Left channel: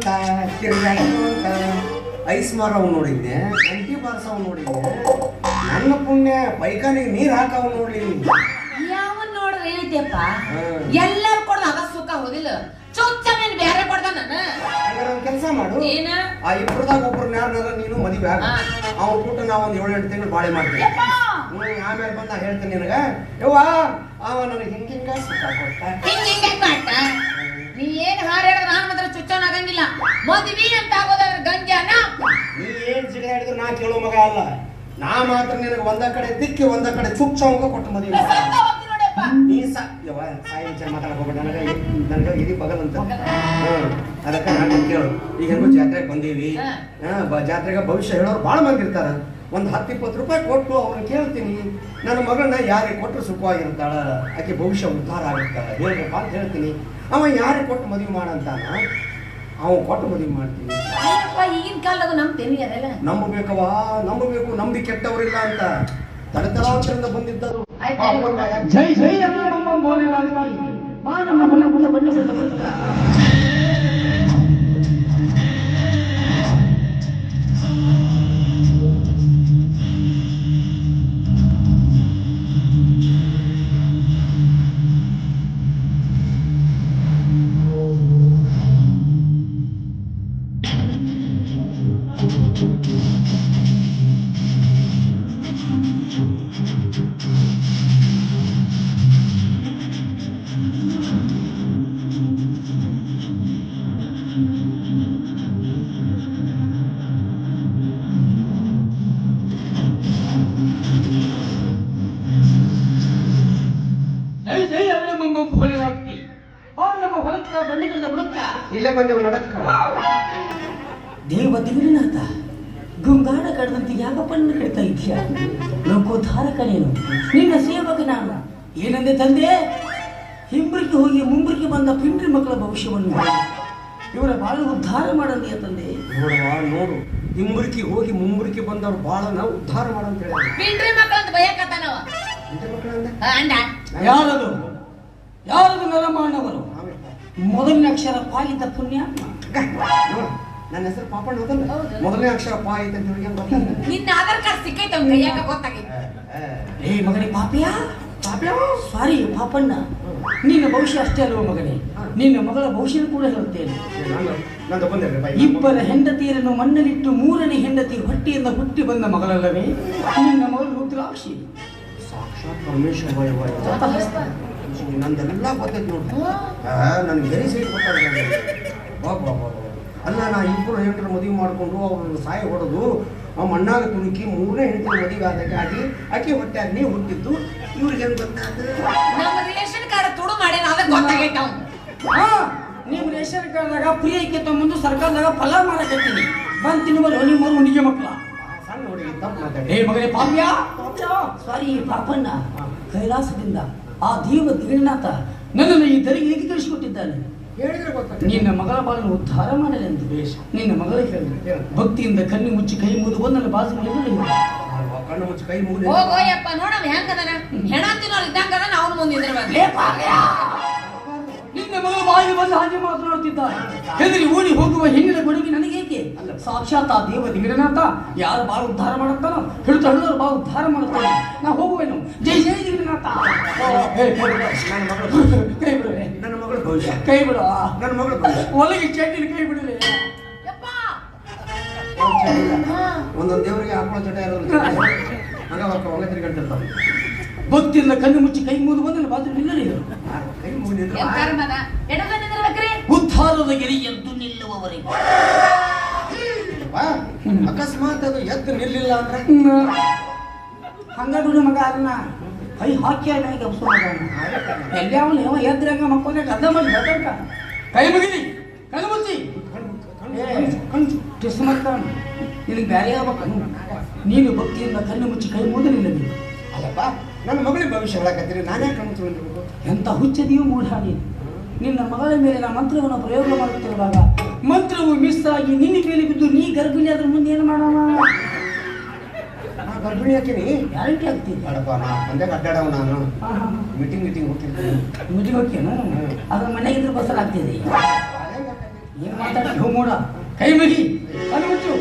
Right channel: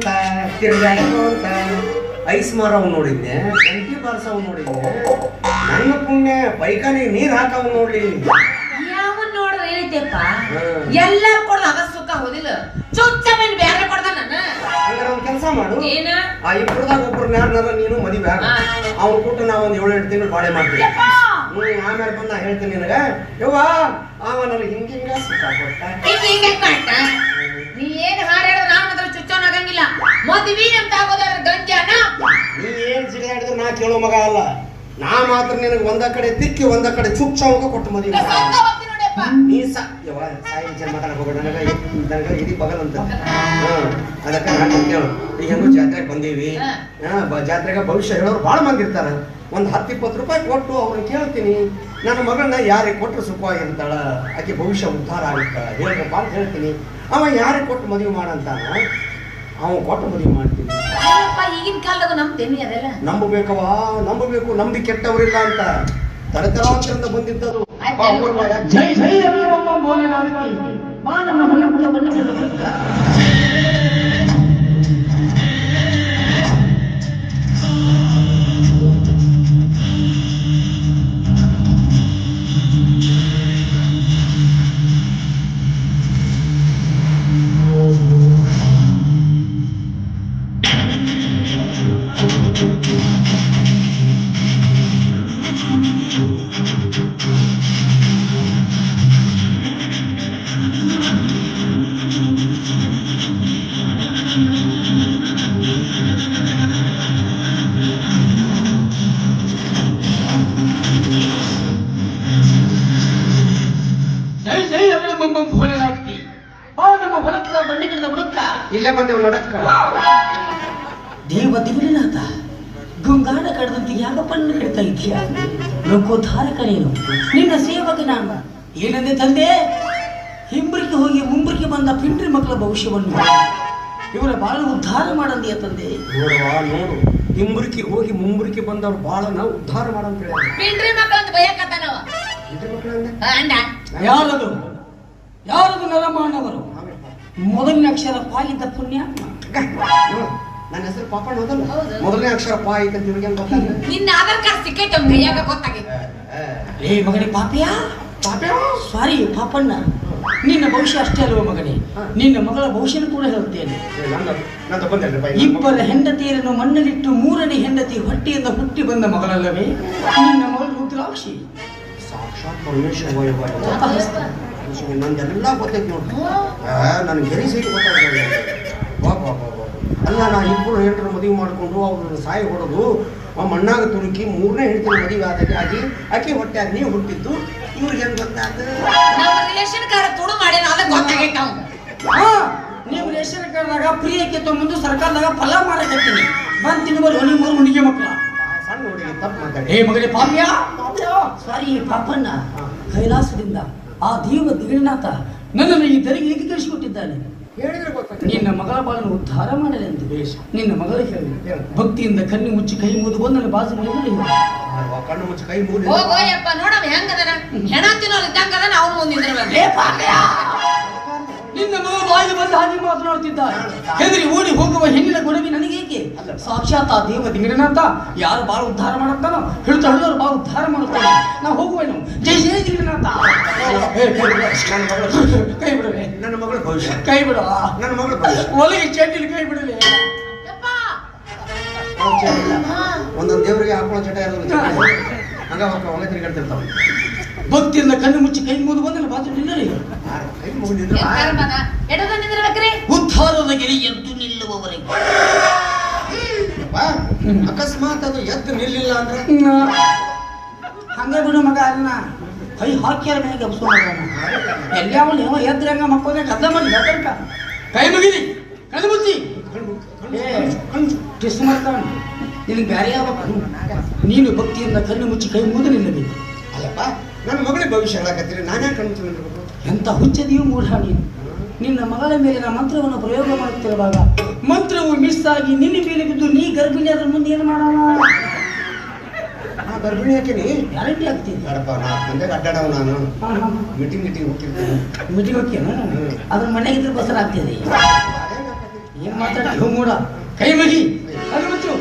ಅಂತ ತಿರ್ಗಾಡ್ಕೋ ಅಂತ ಐಸ್ ಮಾರವ್ ನೋಡಿದ್ದೆ, ಗಂಟಿ ಬಾರ್ಸವ್ ನೋಡಿದ್ದೆ. ನನ್ನ ಪುಣ್ಯ ಪೈಖಾನಿ ನೀರ್ ಹಾಕವ್ ನೋಡ್ಲಿ. ಯಾವನ್ ನೋಡ್ರ ಹೇಳಿದ್ಯಪ್ಪ, ಎಲ್ಲಾರು ಕೊಡ್ದ ಅದ ಸುಖ ಹೋದಿಲ್ಲ, ಚೊಚ್ಚಮೇನ್ ಬ್ಯಾರೆ ಕೊಡ್ದ ನಾನು. ಹಂಗಾರ ಒಂದ್ ಕೆಲಸ ಮಾಡು, ಏನ ಆ ಇಬ್ಬರದಾಗ ಒಬ್ಬರನ್ನ ಯಾರನ್ನಾರ ನೀನು ಮದುವೆ ಆಗ, ಅವ್ನ ಕೂಟ ನಾ ಒಂದ್ 7-8 ತಿಂಗಳು ಬಾಳೆ ಮಾಡ್ತೀನಿ. ಆಮೇಲೆ ಬಂದ ಹೇಳ್ತೀನಿ ನಿನಗ, ಯವ್ವ ಅವ ನನಗೆ ಹಿಂಗ ಸುಖ ಕೊಟ್ಟ. ನೀ ಏನ್ ಹಾಡ್ಯಾಡ ನಾನ್ ಮಾತ್ರ ಚುಚ್ಚೋನಾಗಂಗಿಲ್ಲ. ಮದ್ವಿ ಅಂತ ಆಗೋದಾದ್ರೆ ಗಂಜಾನ. ನೀ ಏನ್ ಜಿಗಾಡಿದ್ರು ನಾ ಕೇಳೋ ಮಗ ಅಲ್ಲ. ನಾ ಮಾತ್ರ ನಿನಗೆ ಒಂದ ಕಡೆ ತಿಕ್ಕಿ ಒಂದ ಕಡೆ ಚುಚ್ಚವಂಗ ಕೊಟ್ಟು ಮದುವೆ ನೀ ಯವ್ವ ಸಾಯಿ ಜನ ಮಾತಾಡಕ್ ಹೋಗ್ಬೇಡ. ನನಗ ಇದಿ ಬಗಲ್ ಅಂತ ಅದಕ್ಕೆ ನಾನು ಕೇಳು. ಈಗ ಹೆಂಗು ಜಾತ್ರೆಗೆ ಬಂದೀವಿ, ಜಾತ್ರೆಗೆ ಭವಿಷ್ಯ ಹೇಳೋರು ಭಾಳ ಮಂದಿ ಇರ್ತಾರ. ಒಂದು 10-20 ರೂಪಾಯಿ ಕೊಟ್ಟು ಅವ್ರನ್ನ ಕೇಳ್ತೀನಿ, ನನ್ನ ಮಗಳನ್ನ ಯಾರಿಗೆ ಕೊಟ್ಟರು ಸುಖವಾಗಿರ್ತಾಳ, ಆಕೆ ಭವಿಷ್ಯ ಉದ್ಧಾರ ಆಗುತ್ತಾಳ ಹೇಳ್ಬೇಕ ಅಂತ ಹೇಳ್ತೀನಿ. ಅವ ಯಾರಿಗೆ ಕೊಟ್ಟು ಮದುವೆ ಮಾಡಂತಾನ, ಅವ ಕೊಟ್ಟು ಮದುವೆ ಮಾಡ್ತೀನಿ. ಈಗಿನ ಕಾಲದಾಗ ನಂಬ್ತೇನಿ ಅದೆಲ್ಲ. ನಂಬಬೇಕವ, ನಂಬಬೇಕು. ನಂಬಿ ಕೆಟ್ಟವರಿಲ್ಲ ಅಂತ ತರತರಾಂತರದಿಂದ ಬಂದಿದ್ದದು. ಜೈ ಜೈ ಮಾನವ ಇಲ್ಲೇ ಬಂದೇವು ನಡಕ್ಕ. ದೇವ ದಿಗ್ನಾಥ ಗುಂಗಾಡ ಕಡದಂತೆ ಯಾಕ ಪಣ್ಣ ಕಡ್ತಾ ಇದೆಯಾ? ಲೋಕೋದ್ಧಾರ ಕರೆಯನು ನಿನ್ನ ಸೇವಕ ನಾನು. ಏನಂದೆ ತಂದೆ? ಹಿಂಬ್ರಿಗೆ ಹೋಗಿ ಮುಂಬ್ರಿಗೆ ಬಂದ ಪಿಂಡ್ರಿ ಮಕ್ಕಳ ಭವಿಷ್ಯವನ್ನು ಇವರ ಬಾಳ ಉದ್ಧಾರ ಮಾಡಂದೆಯ ತಂದೆ. ನೋಡುವ ನೋಡು, ಹಿಂಬ್ರಿಗೆ ಹೋಗಿ ಮುಂಬ್ರಿಗೆ ಬಂದವ್ರು ಬಾಳ ನಾವು ಉದ್ಧಾರ ಮಾಡಂತ ಹೇಳಿ ಪಿಂಡ್ರಿ ಮಕ್ಕಳಂತ ಭಯಕತ್ತಾನವ. ಯಾರದು ಯಾರದು ನರಮಾನವರು? ಮೊದಲನೇ ಅಕ್ಷರ ಪಾಲಿದ್ದ ಪುಣ್ಯ. ನನ್ನ ಹೆಸರು ಪಾಪಣ್ಣ ಹೋದಲ್ಲ, ಮೊದಲನೇ ಅಕ್ಷರ ಪಾ ಐತೆ ಅಂತ ಇವಾಗ ಗೊತ್ತಾಗ. ನಿನ್ನ ಆಧಾರ್ ಕಾರ್ಡ್ ಸಿಕ್ಕೈತೆ ಅವ್ನ ಕೈಯಾಗ ಗೊತ್ತಾಗಿದೆ. ಏ ಮಗನೇ ಪಾಪಿಯ ಸಾರಿ ಪಾಪಣ್ಣ, ನಿನ್ನ ಭವಿಷ್ಯ ಅಷ್ಟೇ ಅಲ್ವ ಮಗನೇ, ನಿನ್ನ ಮಗಳ ಭವಿಷ್ಯನ ಕೂಡ ಹೇಳುತ್ತೇನೆ. ಇಬ್ಬರ ಹೆಂಡತಿಯರನ್ನು ಮಣ್ಣಲ್ಲಿಟ್ಟು ಮೂರನೇ ಹೆಂಡತಿ ಹೊಟ್ಟೆಯಿಂದ ಹುಟ್ಟಿ ಬಂದ ಮಗಳಲ್ಲವೇ ನಿನ್ನ ಮಗಳು ರುದ್ರಾಕ್ಷಿ. ಸಾಕ್ಷಾತ್ ಪರಮೇಶ್ವರ ನಂದೆಲ್ಲ ಗೊತ್ತೈತಿ ನೋಡಿ. ನನಗೆ ಬೇರೆ ಸೈಡ್ ಗೊತ್ತಾಗ ಅಲ್ಲ. ನಾ ಇಬ್ಬರು ಹೆಂಡರು ಮದುವೆ ಮಾಡಿಕೊಂಡು ಅವ್ರನ್ನ ಸಾಯಿ ಹೊಡೆದು ಮಣ್ಣಾಗ ತುರುಕಿ ಮೂರನೇ ಹೆಂಡತಿ ಮದುವೆ ಆಗಿ ಆಕೆ ಹೊಟ್ಟೆ ಆಗಿ ನೀವು ಹುಟ್ಟಿದ್ದು ಇವ್ರಿಗೆ ಹೆಂಗ್ ಗೊತ್ತಾಗ? ನಮ್ಮ ರಿಲೇಷನ್ ಕಾರ್ಡ್ ತುಡು ಮಾಡ್ಯಾನ, ಅದಕ್ಕೆ ಗೊತ್ತಾಗೈತ. ನೀವು ರೇಷನ್ ಕಾರ್ಡ್ದಾಗ ಫ್ರೀ ಐಕೆ ಮುಂದೆ ಸರ್ಕಾರದಾಗ ಫಲ ಮಾಡಕತ್ತೀನಿ ಬಂತೀನಿ ಬರೋ ನಿಮ್ಮ ಹುಡುಗಿ ಮಕ್ಕಳ ಸಣ್ಣ ಹುಡುಗಿ ತಪ್ಪು ಮಾತಾಡಿ. ಏ ಮಗನೇ ಪಾಪ್ಯ ಸಾರಿ ಪಾಪಣ್ಣ, ಕೈಲಾಸದಿಂದ ಆ ದೇವ ದಿಗಣನಾಥ ನನ್ನನ್ನು ಈ ತೆರಿಗೆ ಹೇಗೆ ಕಳಿಸಿಕೊಟ್ಟಿದ್ದಾನೆ ಹೇಳಿದ್ರೆ ಗೊತ್ತಾಗ. ನಿನ್ನ ಮಗಳ ಬಾಳನ್ನು ಉದ್ಧಾರ ಮಾಡಲಿ ಅಂತ ನಿನ್ನ ಮಗಳ ಹೇಳಿ ಭಕ್ತಿಯಿಂದ ಕಣ್ಣು ಮುಚ್ಚಿ ಕೈ ಮುಗಿದು ಬಂದು ನನ್ನ ಬಾಸು ಕಣ್ಣು ಮುಚ್ಚಿ ಕೈ ಮುಗಿದು ಹೋಗೋಯಪ್ಪ ನೋಡವ ಹೆಂಗದನ ಹೆಣ ತಿನ್ನೋರು ಇದ್ದಂಗದನ ಅವ್ರ ಮುಂದಿದ್ರಬೇಕು. ನಿನ್ನ ಮಗ ಬಾಯಿಗೆ ಬಂದು ಹಾಗೆ ಮಾತನಾಡುತ್ತಿದ್ದ. ಹೆದರಿ ಓಡಿ ಹೋಗುವ ಹೆಣ್ಣಿನ ಗುಣವಿ ನನಗೇಕೆ? ಸಾಕ್ಷಾತ್ ಆ ದೇವ ದಿಗಣನಾಥ ಯಾರು ಬಾಳ ಉದ್ಧಾರ ಮಾಡುತ್ತಾನೋ ಹಿಡಿದು ಹಳ್ಳವರು ಬಾಳ ಉದ್ಧಾರ ಮಾಡುತ್ತಾನೆ. ನಾ ಹೋಗುವೆನು. ಜೈ ಜೈ ದಿಗಣನಾಥ. ಕೈ ಬಿಡುವೆ ನನ್ನ ಮಗಳ ಭವಿಷ್ಯ. ಕೈ ಬಿಡುವ ನನ್ನ ಮಗಳ ಭವಿಷ್ಯ. ಒಳಗೆ ಚಟ್ಟಿನ ಕೈ ಬಿಡಲಿ. ಒಂದೊಂದು ದೇವರಿಗೆ ಹಾಕೊಳ್ಳೋ ಚಟ ಇರೋದು ಹಂಗ ಒಳ್ಳೆ ತಿರುಗಾಡ್ತಿರ್ತಾವ. ಭಕ್ತಿಯಿಂದ ಕಣ್ಣು ಮುಚ್ಚಿ ಕೈ ಮುಗಿದು ಬಂದಲ್ಲಿ ಬಾತು ನಿಲ್ಲಲಿ. ಕೈ ಮುಗಿದಿದ್ರೆ ಉದ್ಧಾರದ ಗಿರಿ ಎದ್ದು ನಿಲ್ಲುವವರೆಗೆ. ಅಕಸ್ಮಾತ್ ಅದು ಎದ್ದು ನಿಲ್ಲಿಲ್ಲ ಅಂದ್ರೆ ಹಂಗ ಬಿಡು ಮಗ. ಅದನ್ನ ಕೈ ಹಾಕ್ಯಾರ ಮೇಲೆ ಎಲ್ಲ ಎದ್ರಂಗ ಮಕ್ಕಳ ಕದ್ದ ಮಾಡಿ ಕೈ ಮುಗಿದಿ ಕಣ್ಣು ಮುಚ್ಚಿ ಕಿಸ್ ಮಾಡ್ತಾನ. ನಿನಗೆ ಬ್ಯಾರೆ ನೀನು ಭಕ್ತಿಯಿಂದ ಕಣ್ಣು ಮುಚ್ಚಿ ಕೈ ಮುಗಿದು ನಿಲ್ಲಬೇಕು. ಅಲ್ಲಪ್ಪ, ನನ್ನ ಮಗಳಿಗೆ ಭವಿಷ್ಯ ಹೇಳಕತ್ತೀರಿ, ನಾನೇ ಕಣ್ಣು ತಿಳ್ಬೇಕು. ಎಂತ ಹುಚ್ಚದಿಯೂ ಮೂಢಾಣಿ. ನಿನ್ನ ಮಗಳ ಮೇಲೆ ನಾ ಮಂತ್ರವನ್ನು ಪ್ರಯೋಗ ಮಾಡುತ್ತಿರುವಾಗ ಮಂತ್ರವು ಮಿಸ್ ಆಗಿ ನಿನ್ನ ಮೇಲೆ ಬಿದ್ದು ನೀ ಗರ್ಭಿಣಿ ಅದ್ರ ಮುಂದೆ ಏನು ಮಾಡೋಣ? ನಾ ಗರ್ಭಿಣಿ ಹಾಕಿನಿ ಗ್ಯಾರಂಟಿ ಆಗ್ತೀನಿ. ಅಡಪ್ಪ ನಾ ಬಂದಾಗ ಅಡ್ಡಾಡವ ನಾನು ಮೀಟಿಂಗ್ ಹೋಗ್ತಿರ್ತೀನಿ. ಮೀಟಿಂಗ್ ಹೋಗ್ತೀನ ಅದ್ರ ಮನೆಗಿದ್ರೆ ಬಸರ ಆಗ್ತಿದೆ. ಏನ್ ಮಾತಾಡ್ತೀವಿ ಮೂಡ ಕೈ ಮಗಿ ಕೈ ಮುಚ್ಚು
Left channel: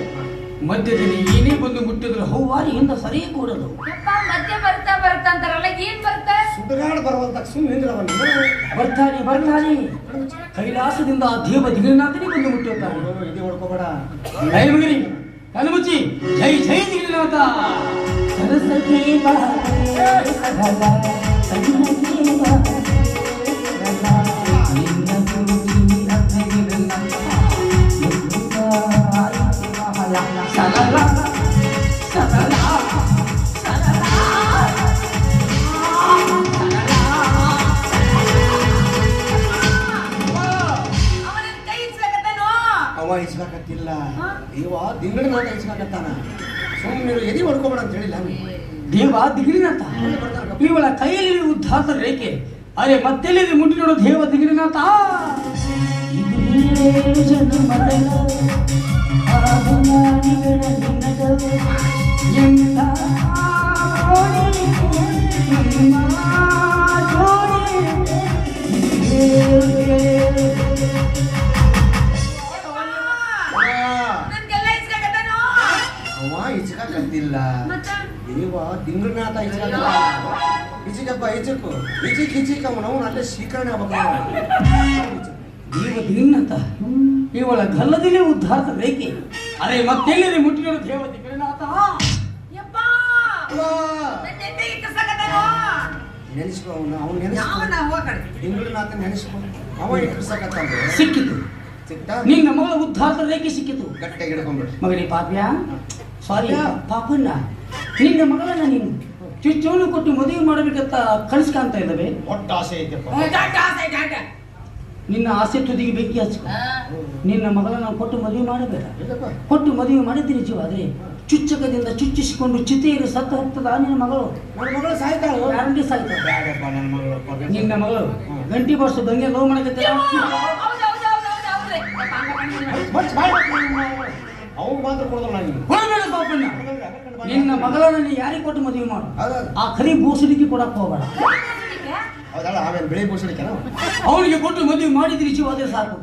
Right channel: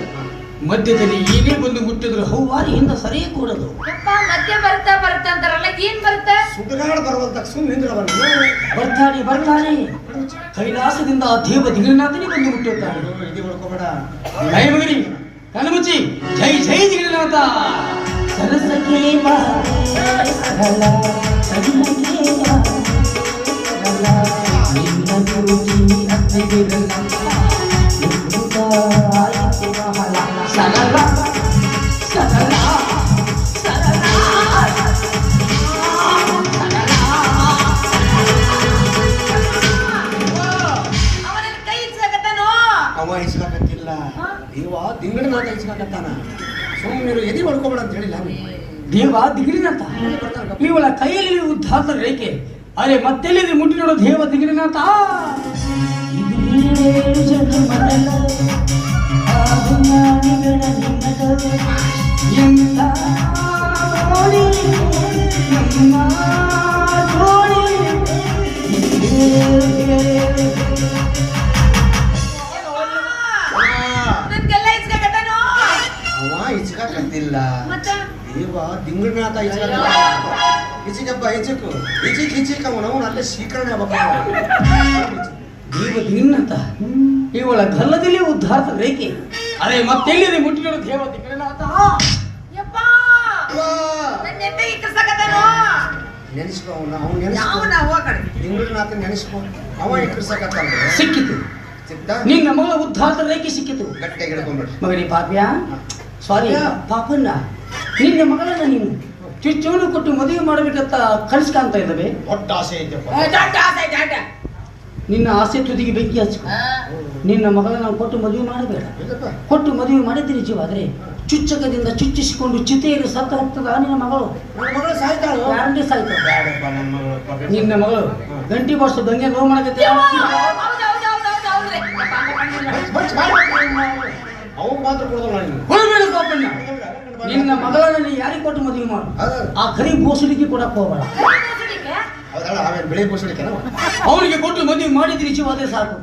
ಮಧ್ಯದಲ್ಲಿ ಏನೇ ಬಂದು ಮುಟ್ಟಿದ್ರು ಹೌವಾರಿ ಹಿಂದ ಸರಿಯೇ ಕೂಡದು ಮಧ್ಯ ಬರ್ತಾ ಬರ್ತಾ ಅಂತಾರಲ್ಲ ಏನ್ ಬರ್ತಾ ಸುಡುಗಾಡು ಬರುವಂತ ಸುಮ್ಮನೆ ಬರ್ತಾನೆ ಕೈಲಾಸದಿಂದ ಆ ದೇವ ದಿಗನಾಥನೇ ಬಂದು ಮುಟ್ಟಿರ್ತಾನೆ ಇದು ಹೊಡ್ಕೋಬೇಡ ಕೈ ಮಗಿ ಕಣ್ಣು ಮುಚ್ಚಿ ಜೈ ಜೈ ದಿಗನಾಥ ಸರಸಕ್ಕೆ ಬಾ ಸರಳ ಸರಳಕ್ಕೆ ಬಾ ನಿನ್ನ ಗುರುಜಿ ಅತ್ತೆಗಿರಲ್ಲ ಸರಳ ಸರಳ ಅವ ಇಸ್ಲಾಕತ್ತಿಲ್ಲ ದೇವ ದಿಂಗಡನಾಥ ಇಸ್ಲಾಕತ್ತಾನ ಸುಮ್ಮನೆ ಎದಿ ಹೊಡ್ಕೋಬೇಡ ಅಂತ ಹೇಳಿಲ್ಲ ದೇವ ದಿಗಿರಿನಾಥ ಇವಳ ಕೈಯಲ್ಲಿ ಉದ್ಧಾತ ರೇಖೆ ಅರೆ ಮತ್ತೆಲ್ಲಿದೆ ಮುಟ್ಟಿ ನೋಡೋ ದೇವ ದಿಗಿರಿನಾಥ ಅವ ಇಚ್ಕಾಕತ್ತಿಲ್ಲ ದೇವ ದಿಂಗಡನಾಥ ಇಚಿಕಪ್ಪ ಇಚಕು ಇಚಿಕ್ ಅವನು ಅಲ್ಲೇ ಶೀಕರಣೆ ದೇವ ದಿಗಿರಿನಾಥ ಇವಳ ಗಲ್ಲದಲ್ಲಿ ಉದ್ಧಾತ ರೇಖೆ ಅರೆ ಮತ್ತೆಲ್ಲಿದೆ ಮುಟ್ಟಿ ನೋಡೋ ದೇವ ದಿಗಿರಿನಾಥ ನೆನೆಸ್ಕೊ ದಿಂಗಡನಾಥ ನೆನೆಸ್ಕೊ ಅವ ಇಕ್ಕರ್ಸಕತ್ತಾನ ಸಿಕ್ಕಿತು ಸಿಕ್ತಾ ನಿನ್ನ ಮಗಳ ಉದ್ಧಾತ ರೇಖೆ ಸಿಕ್ಕಿತು ಗಟ್ಟಿಯಾಗಿ ಹಿಡ್ಕೊಂಡ್ಬಿಡ್ರಿ ಮಗನಿ ಪಾಪ್ಯ ಸಾರಿ ಪಾಪನ್ನ ನಿನ್ನ ಮಗಳನ್ನ ನೀನು ಚುಚ್ಚವನ್ನು ಕೊಟ್ಟು ಮದುವೆ ಮಾಡಬೇಕಂತ ಕಳಿಸ್ಕಾಂತ ಇದ್ದಾವೆ ದೊಡ್ಡ ಆಸೆ ಐತೆಪ್ಪ ನಿನ್ನ ಆಸೆ ತುದಿಗೆ ಬೆಂಕಿ ಹಚ್ಕೊ ನಿನ್ನ ಮಗಳನ್ನ ಕೊಟ್ಟು ಮದುವೆ ಮಾಡಬೇಡ ಇಲ್ಲಪ್ಪ ಕೊಟ್ಟು ಮದುವೆ ಮಾಡಿದ್ರಿ ನಿಜವಾದ್ರೆ ಚುಚ್ಚಕದಿಂದ ಚುಚ್ಚಿಸಿಕೊಂಡು ಚಿತೆಯಲ್ಲಿ ಸತ್ತು ಹೋಗ್ತದ ನಿನ್ನ ಮಗಳು ನನ್ನ ಮಗಳು ಸಾಯ್ತಾಳು ಗ್ಯಾರಂಟಿ ಸಾಯ್ತಾಳೆ ಬ್ಯಾಡಪ್ಪ ನನ್ನ ಮಗಳು ನಿನ್ನ ಮಗಳು ಗಂಟಿ ಬಾರ್ಸು ದಂಗೆ ಲೋ ಮಾಡಕತ್ತಿ ಅವ್ನು ಮಾತ್ರ ಕೊಡೋದಲ್ಲ ನಾನು ಕೊಡಬೇಡ ಪಾಪಣ್ಣ ನಿನ್ನ ಮಗಳನ್ನ ನೀ ಯಾರಿಗೆ ಕೊಟ್ಟು ಮದುವೆ ಮಾಡು ಆ ಕರಿ ಬೋಸಡಿಗೆ ಕೊಡಕ್ ಹೋಗಬೇಡ ಹೌದಲ್ಲ ಆಮೇಲೆ ಬೆಳೆ ಬೋಸಡಿಕೆ ಅವನಿಗೆ ಕೊಟ್ಟು ಮದುವೆ ಮಾಡಿದ್ರಿ ನಿಜವಾದ್ರೆ ಸಾಕು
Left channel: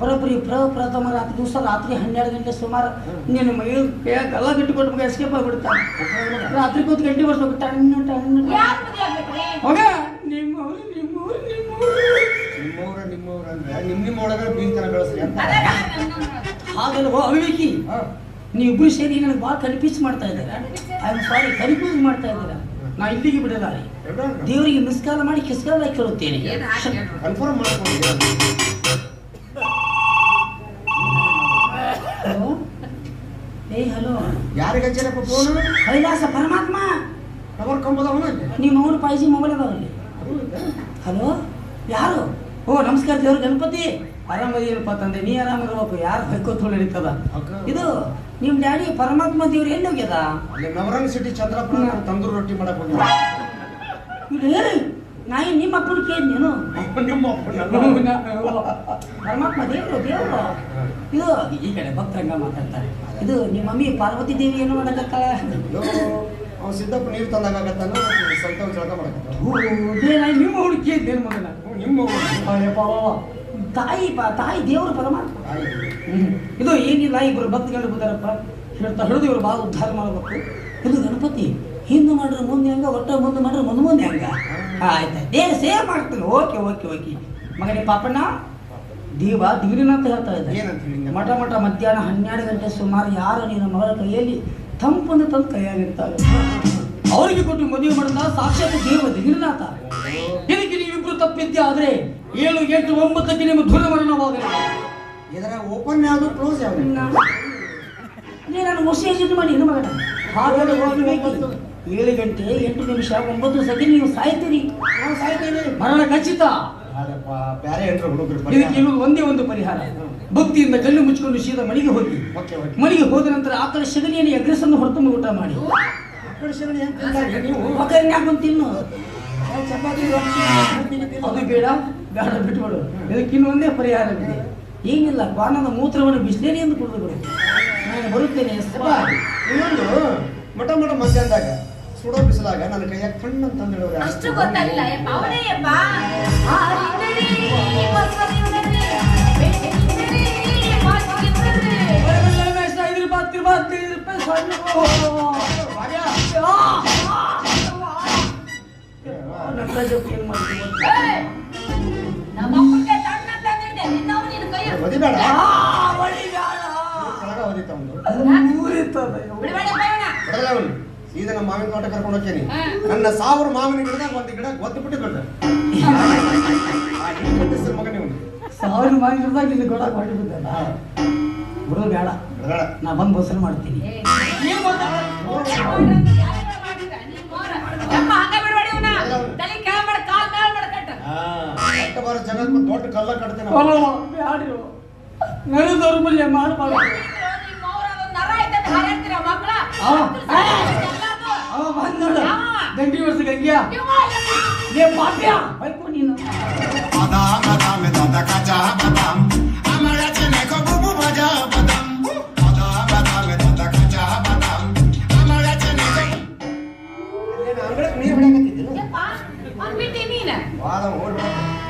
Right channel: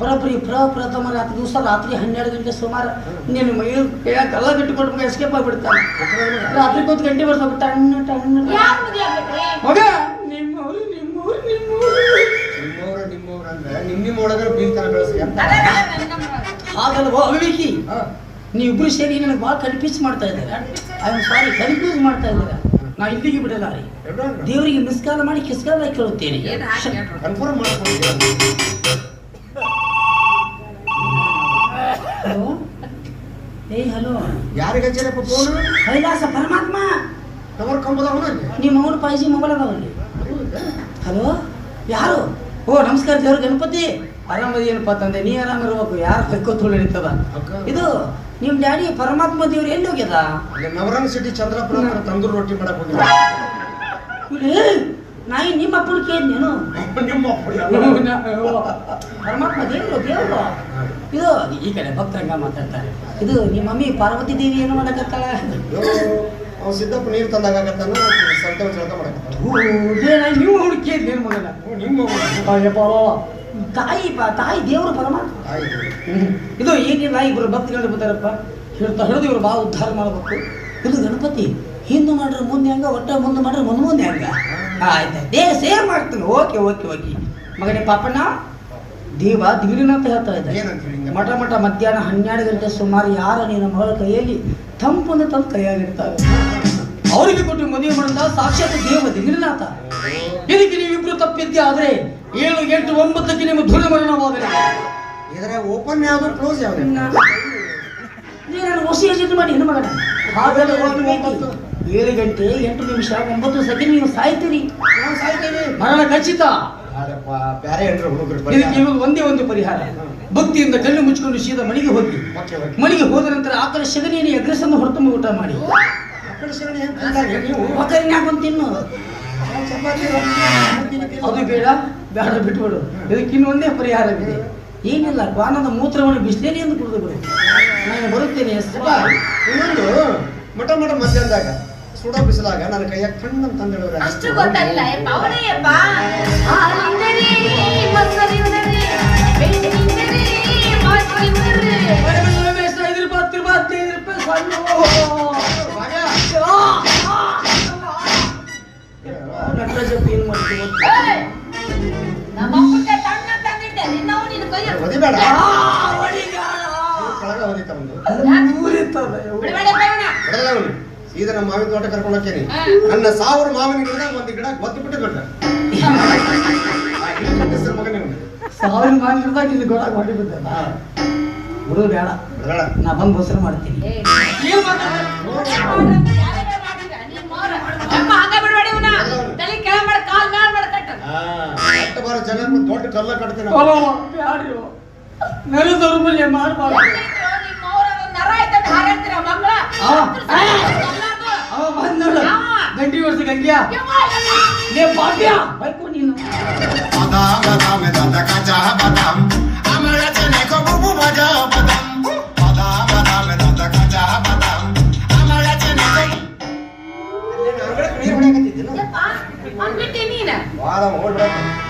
ಬರೋಬ್ಬರಿ ಪ್ರಥಮ ರಾತ್ರಿ ದಿವಸ ರಾತ್ರಿ 12 ಗಂಟೆ ಸುಮಾರು ನಿನ್ನ ಮೈಯೂರು ಎಲ್ಲ ಬಿಟ್ಟು ಕೊಟ್ಟು ಎಸ್ಕೇಪ್ ಆಗಿಬಿಡ್ತಾನೆ ರಾತ್ರಿ 1 ಗಂಟೆ ಬರ್ಸ್ಬೇಕು ಟಣ್ಣ ಟಣ್ಣ ಮಗ ನಿಮ್ಮವ್ರು ಅಂದ್ರೆ ನಿಮ್ಮ ಒಳಗಡೆ ಬೀಳ್ತಾನೆ ಬೆಳೆಸಿ ಅಂತ ಹಾಗಲ್ವೋ ಅವಿವೇಕಿ ನೀವಿಬ್ರು ಸೇರಿ ನನಗೆ ಭಾಳ ಕನ್ಫ್ಯೂಸ್ ಮಾಡ್ತಾ ಇದ್ದಾರೆ ಐ ಆಮ್ ಸಾರಿ ಕನ್ಫ್ಯೂಸ್ ಮಾಡ್ತಾ ಇದ್ದೀರಾ ನಾ ಇಲ್ಲಿಗೆ ಬಿಡಲ್ಲ ದೇವರಿಗೆ ಮಿಸ್ಕಾಲ ಮಾಡಿ ಕಿಸ್ಕಾಲ ಕೇಳುತ್ತೇನೆ ಕನ್ಫರ್ಮ್ ಮಾಡ್ಕೊಂಡು ಹಲೋ ಹಲೋ ಯಾರಿಗೆ ಹಚ್ಚಾರಪ್ಪ ಫೋನ್ ಕೈಲಾಸ ಪರಮಾತ್ಮ ಟವರ್ ಕಂಬದವನ ನಿಮ್ಮ ಅವ್ರ ಪಾಯ್ಸಿ ಮೊಬೈಲ್ ಅದಾವಲ್ಲಿ ಹಲೋ ಯಾರು ಓ ನಮಸ್ಕಾರ ದೇವ್ರ ಗಣಪತಿ ಆರಾಮದಿ ಏನಪ್ಪ ತಂದೆ ನೀ ಆರಾಮಿರ್ಬೇಕು ಯಾರು ಕೈಕೋತ್ ನಡೀತದ ಇದು ನಿಮ್ ಡ್ಯಾಡಿ ಪರಮಾತ್ಮ ದೇವ್ರು ಎಲ್ಲಿ ಹೋಗ್ಯದ ಅಲ್ಲಿ ನವರಂಗ್ ಸಿಟಿ ಚಂದ್ರಪುರ ತಂದೂರು ರೊಟ್ಟಿ ಮಾಡಕ್ ಹೋಗಿದ್ದ ನಾಯಿ ನಿಮ್ಮ ಅಪ್ಪನ ಕೇಳಿದ್ನೇನು ನಿಮ್ಮ ಪರಮಾತ್ಮ ದೇವ್ರು ಇದು ಈ ಕಡೆ ಭಕ್ತರಂಗ ಮಾತಾಡ್ತಾರೆ ಇದು ನಿಮ್ಮ ಮಮ್ಮಿ ಪಾರ್ವತಿ ದೇವಿ ಏನು ಮಾಡಕತ್ತಾಳ ಅವ್ನು ಸಿದ್ದಪ್ಪ ನೀರು ತಂದಾಗತ್ತಾನ ಸಂತೋಷ ಜಳಕ ಮಾಡಕತ್ತಾನ ನೀವು ಅವ್ನು ಕೇಳಿದ್ನೇನು ಮಗನ ನಿಮ್ಮ ತಾಯಿ ದೇವರು ಪರಮಾತ್ಮ ಇದು ಏನಿಲ್ಲ ಇಬ್ರು ಭಕ್ತಿಗಳು ಬರ್ತಾರಪ್ಪ ಹೇಳ್ತಾ ಹಿಡಿದು ಇವ್ರು ಭಾಳ ಉದ್ಧಾರ ಮಾಡ್ಬೇಕು ಇದು ಗಣಪತಿ ಹಿಂದೆ ಮಾಡ್ರೆ ಮುಂದೆ ಹಂಗ ಒಟ್ಟೆ ಮುಂದೆ ಮಾಡ್ರೆ ಮುಂದೆ ಹಂಗ ಆಯ್ತಾ ದೇಹ ಸೇರ್ ಮಾಡ್ತೀನಿ ಓಕೆ ಮಗನೇ ಪಾಪಣ್ಣ ದೇವ ದಿಗಿರಿನಂತ ಹೇಳ್ತಾ ಇದ್ದ ಮಠ ಮಧ್ಯಾಹ್ನ 12 ಗಂಟೆ ಸುಮಾರು ಯಾರ ನಿನ್ನ ಮಗಳ ಕೈಯಲ್ಲಿ ತಂಪನ್ನು ತಂದು ಕೈಯಾಗಿರ್ತಾರೆ ಅವರಿಗೆ ಕೊಟ್ಟು ಮದುವೆ ಮಾಡಿದ ಸಾಕ್ಷಾತ್ ದೇವ ದಿಗಿರಿನಾಥ ಇದಕ್ಕೆ ನೀವಿಬ್ರು ತಪ್ಪಿದ್ದೆ ಆದ್ರೆ 7, 8, 9ಕ್ಕೆ ನಿಮ್ಮ ದುರ್ಮರಣವಾಗಲಿ ಇದರ ಓಪನ್ ಯಾವುದು ಕ್ಲೋಸ್ ಯಾವುದು ನಾನು ಹೊಸ ಯೋಚನೆ ಮಾಡಿ ಏನು ಮಗನ ಹಾಗೆಲ್ಲ 7 ಗಂಟೆ 8 ನಿಮಿಷ 9 ಸೆಕೆಂಡ್ ನೀವು ಸಾಯ್ತೀರಿ ನಾವು ಸಾಯ್ತೇವೆ ಮರಣ ಖಚಿತ ಬೇರೆ ಏನ್ರ ಹುಡುಗರು ಇದಕ್ಕೆ ಇವಾಗ ಒಂದೇ ಒಂದು ಪರಿಹಾರ ಭಕ್ತಿಯಿಂದ ಕಣ್ಣು ಮುಚ್ಚಿಕೊಂಡು ಸೀದಾ ಮನೆಗೆ ಹೋಗಿ ಮನೆಗೆ ಹೋದ ನಂತರ ಆಕಳ ಸಗಣಿಯನ್ನು ಎಗ್ರೆಸನ್ನು ಹೊರತುಂಬ ಊಟ ಮಾಡಿ ಬಂದು ತಿನ್ನು ಅದು ಬೇಡ ಬಿಟ್ಬಿಡು ಇದಕ್ಕೆ ಇನ್ನೊಂದೇ ಪರಿಹಾರವಿದೆ ಏನಿಲ್ಲ ಪಾನದ ಮೂತ್ರವನ್ನು ಬಿಸಿಲೇನೆ ಎಂದು ಕುಡಿದು ನಾನು ಬರುತ್ತೇನೆ ಇನ್ನೊಂದು ಮಠ ಮಧ್ಯಾಹ್ನದಾಗ ಸುಡೋ ಬಿಸಿಲಾಗ ನನ್ನ ಕೈಯಾಗ ಕಣ್ಣು ತಂದು ಅಷ್ಟು ಗೊತ್ತಾಗಿಲ್ಲ ಅವನೇಯಪ್ಪ ಬಿಡಬೇಡಪ್ಪ ಇವನ. ಬಿಡಲ್ಲ ಅವನು ಸೀದಾ ನಮ್ಮ ಮಾವಿನ ತೋಟ ಕರ್ಕೊಂಡು ಹೋಗ್ತೇನೆ. ನನ್ನ 1000 ಮಾವಿನ ಗಿಡ ಒಂದು ಗಿಡ ಗೊತ್ತು ಬಿಟ್ಟು ಬಿಟ್ಟ ಹೆಸರು ಮಗನೇ ಉಂಟು. 1000 ಮಾವಿನದಾಗ ಇಲ್ಲಿ ಗೋಳ ಮಾಡಿ ಬಿದ್ದಲ್ಲ ಹುಡುಗ ಬೇಡ ಬೇಡ ನಾ ಬಂದು ಬೋಸಲ್ ಮಾಡ್ತೀನಿ. ನೀವ್ ಯಪ್ಪ ಹಂಗ ಬಿಡಬೇಡಿ ಇವನ. ತಲೆ ಕೆಳಗ್ ಮಾಡ್ ಕಾಲ್ ಮ್ಯಾಲ್ ಮಾಡ್ ಕಟ್ಟ. ಕಟ್ಟ ಬಾರ ಜಗತ್ತು ದೊಡ್ಡ ಕಲ್ಲ ಕಟ್ತೇನೆ ನನ್ನ ದೌರ್ಬಲ್ಯ ಮಾಡ್ಬಾರ್ದು. ನಿಮ್ಮ ಅವ್ರ ಅದೊಂದ್ ನರ ಐತೆ ಹಾರಾಡ್ತೀರ ಮಕ್ಕಳ. ಅವ ಬಂದೋಳು ಗಂಟಿ ವರ್ಷ ಗಂಗಿಯ ಲೇ ಪಾಪ್ಯ ಬೈಕು ನೀನು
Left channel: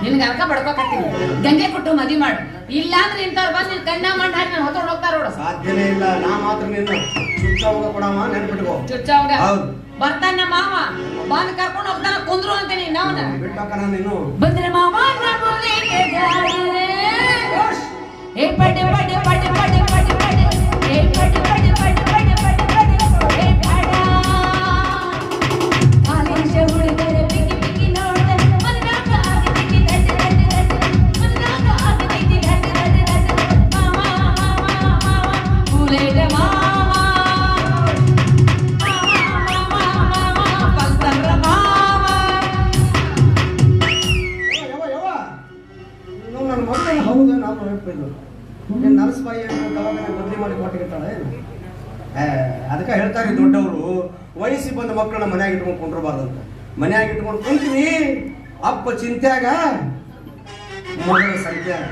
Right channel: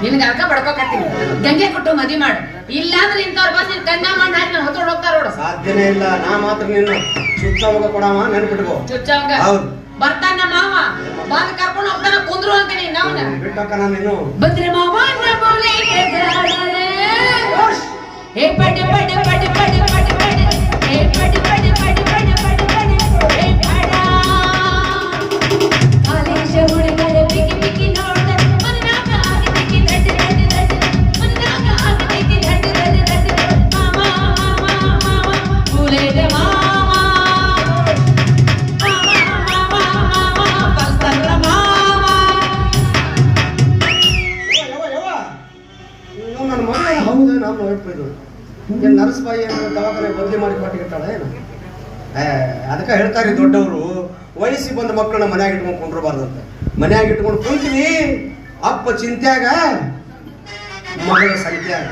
ನಿನ್ಗೆ ಅರ್ಕ ಬಡ್ಕೋಕತ್ತೀನಿ. ಗಂಗೆ ಕೊಟ್ಟು ಮದ್ವಿ ಮಾಡು. ಇಲ್ಲ ಅಂದ್ರೆ ಇಂಥವ್ರು ಬಂದು ನಿನ್ ಕನ್ಯಾ ಮಾಡಿ ಹಾಕಿ ನಾನು ಹೊತ್ಕೊಂಡು ಹೋಗ್ತಾರ ನೋಡು. ಸಾಧ್ಯನೇ ಇಲ್ಲ. ನಾ ಮಾತ್ರ ನೀನು ಚುಚ್ಚ ಹೋಗ ಕೊಡವ ನೆನ್ಪಿಟ್ಕೋ. ಚುಚ್ಚವಂಗ ಹೌದು ಬರ್ತಾನ ಮಾವ ಬಂದ್ ಕರ್ಕೊಂಡು ಹೋಗ್ತಾನ ಕುಂದ್ರು ಅಂತೀನಿ ನಾವನ ಬಿಟ್ಟಕ್ಕ ನೀನು ಬಂದ್ರೆ ಮಾವ ಮೂಲೆಗೆ ಜಾಡರೆ ಏ ಪಡೆ ಪಡೆ ಪಡೆ ಪಡೆ ಪಡೆ ಪಡೆ ಏ ಪಡೆ ಪಡೆ ಪಡೆ ಪಡೆ ಪಡೆ ಪಡೆ ಏ ಪಡ ಆಲೇಶ ಹುಡುಗರ ಬಿಕ್ಕಿ ಬಿಕ್ಕಿ ನೋಡ್ದೆ ಮನನಾಗ ಆಗಿ ದಂಡ ದಂಡ ದಂಡ ಮನನಾಗ ಆಗಿ ದಂಡ ದಂಡ ದಂಡ ಮಾಮ ಮಾಮ ಮೂಲೆಗೆ ಮಾಮ ನನ್ನ ಮಗ ಹೌದು ನಮ್ಮ ಒಪ್ಪಿದ್ದು ಏನ್ ನರ್ಸ್ಬಾಯಿ ದವಾಖಾನೆ ಬದಲಿ ಮಾಡಿ ಕೊಟ್ಟಿರ್ತಾಳೆ. ಅದಕ್ಕೆ ಹೇಳ್ತಾರೆ ದೊಡ್ಡವರು ವಯಸ್ಸಿಗೆ ಬಂದ ಮಕ್ಕಳನ್ನ ಮನ್ಯಾಗ ಇಟ್ಕೊಂಡು ಕುಂಡ್ರಬಾರ್ದಂತೆ. ಮನ್ಯಾಗ ಇಟ್ಕೊಂಡು ಕುಂತೀನಿ ಅಪ್ಪ ಚಿಂತ್ಯಾಗ ಮಗಳ ಸಂಖ್ಯಾಗ